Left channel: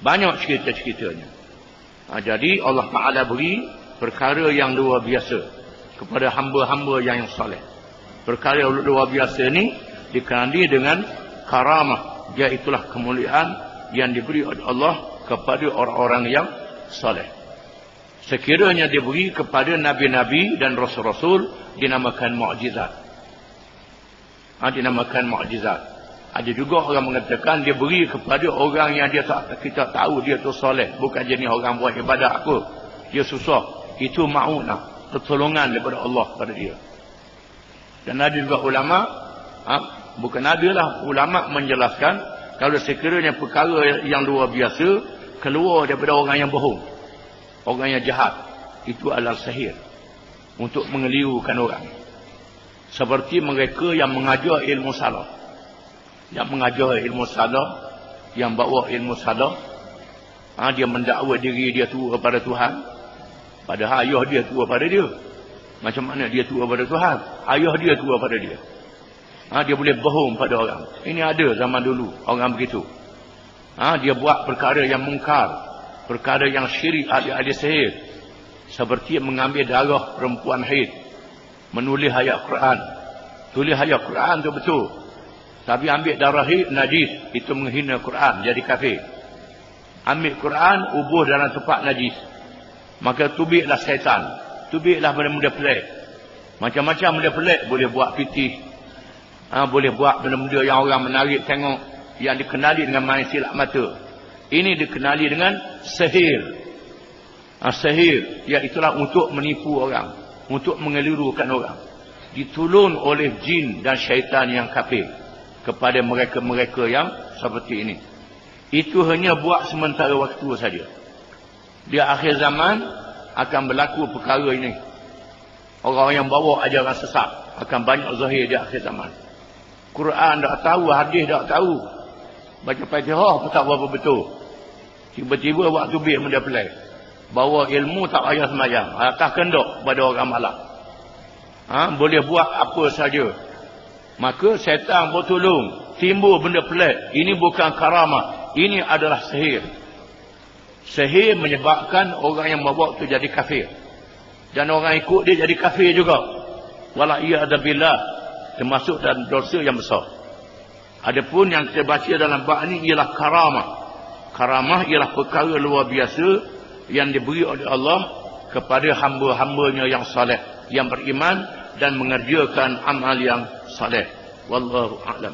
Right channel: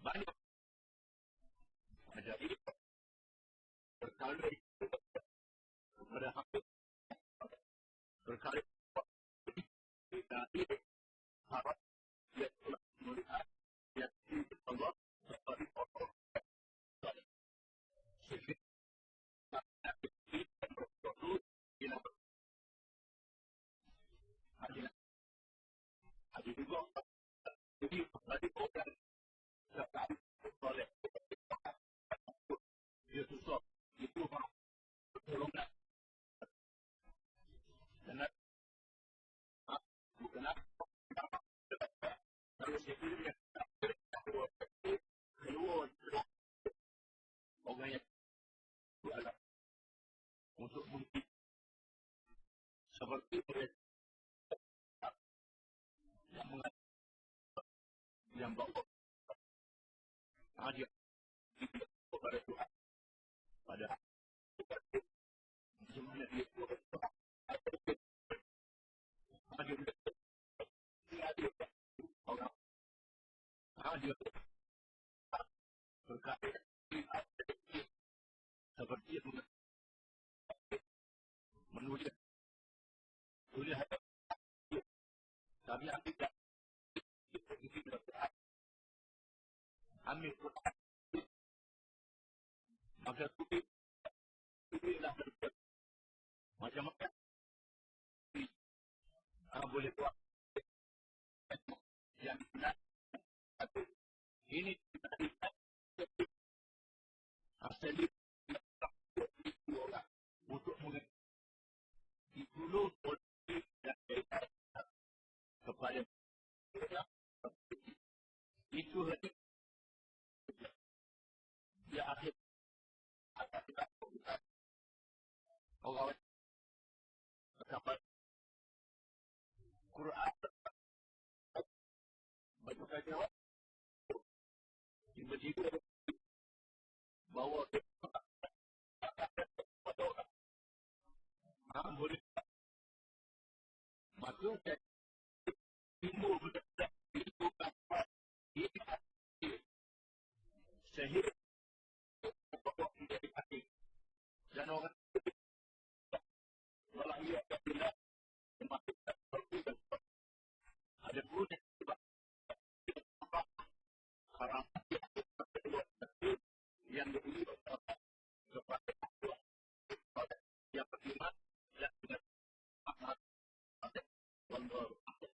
Banyak cerita-ceritanya. Jadi Allah Ta'ala beri perkara yang luar biasa kepada hamba-hamba yang soleh. Perkara yang luar biasa ni dikenali dengan karamah, iaitulah kemuliaan yang diberi oleh Allah kepada orang-orang yang soleh. Sekiranya diberi kepada nabi-nabi dan rasul-rasul, dinamakan mukjizat. Dinamakan mukjizat. Ada juga orang mengatakan dia beri kepada orang yang kita tahu dia tu soleh, bukan jenis orang buat ibadat apa. Dia susah. Itu ma'unah, pertolongan daripada Allah pada dia. Dan ada juga ulama, bukan ada lah, ulama menjelaskan kalau sekiranya perkara yang luar biasa keluar daripada orang yang bohong, orang yang jahat, itu adalah sihir untuk mengelirukan orang. Seperti mereka yang mengajar ilmu salah, yang mengajar ilmu salah, yang bawa ilmu salah, dia mendakwa diri dia tua pada Tuhan, padahal ayah dia tua pada dia. Macam mana dia tua pada Tuhan? Ayah dia tua pada dia. Dia boleh bohong pada orang. Ini ada zaman dulu orang begitu. Dia buat perkara yang mungkar, perkara yang syirik, ahli sihir. Seperti mengambil darah perempuan haid, menulis ayat Quran. Tulis ayat Quran tu betul, tapi ambil darah haid najis, itu menghina Quran, jadi kafir. Ambil Quran, ubuh dalam tempat najis, maka tubiklah syaitan, tubiklah benda-benda pelik. Macam-macam benda pelik, boleh buat pitih, boleh buat benda-benda yang orang menarik tengok, yang dikenali dengan main silap mata. Ini dikenali dengan sihir. Sihir, iaitulah untuk menipu orang, untuk mengelirukan orang. Ditulun oleh jin dan syaitan yang kafir kepada mereka-mereka yang seperti ini. Itu hanya buat sementara waktu saja. Di akhir zaman akan berlaku perkara ini. Orang yang bawa ajaran sesat akan banyak zahir di akhir zaman. Quran tak tahu, hadis tak tahu, baca Fatihah pun tak berapa betul. Tiba-tiba waktu biar benda pelik, bawa ilmu tak payah semayang, atas kendok pada orang malam. Boleh buat apa saja. Maka syaitan bertolong, timbul benda pelik. Ini bukan karamah, ini adalah sihir. Sihir menyebabkan orang yang membawa itu jadi kafir, dan orang ikut dia jadi kafir juga. Wala'iyadabillah, termasuk dalam dosa yang besar. Adapun yang kita baca dalam bab ini ialah karamah. Karamah ialah perkara luar biasa yang diberi oleh Allah kepada hamba-hambanya yang saleh, yang beriman dan mengerjakan amal yang saleh. Wallahu a'lam.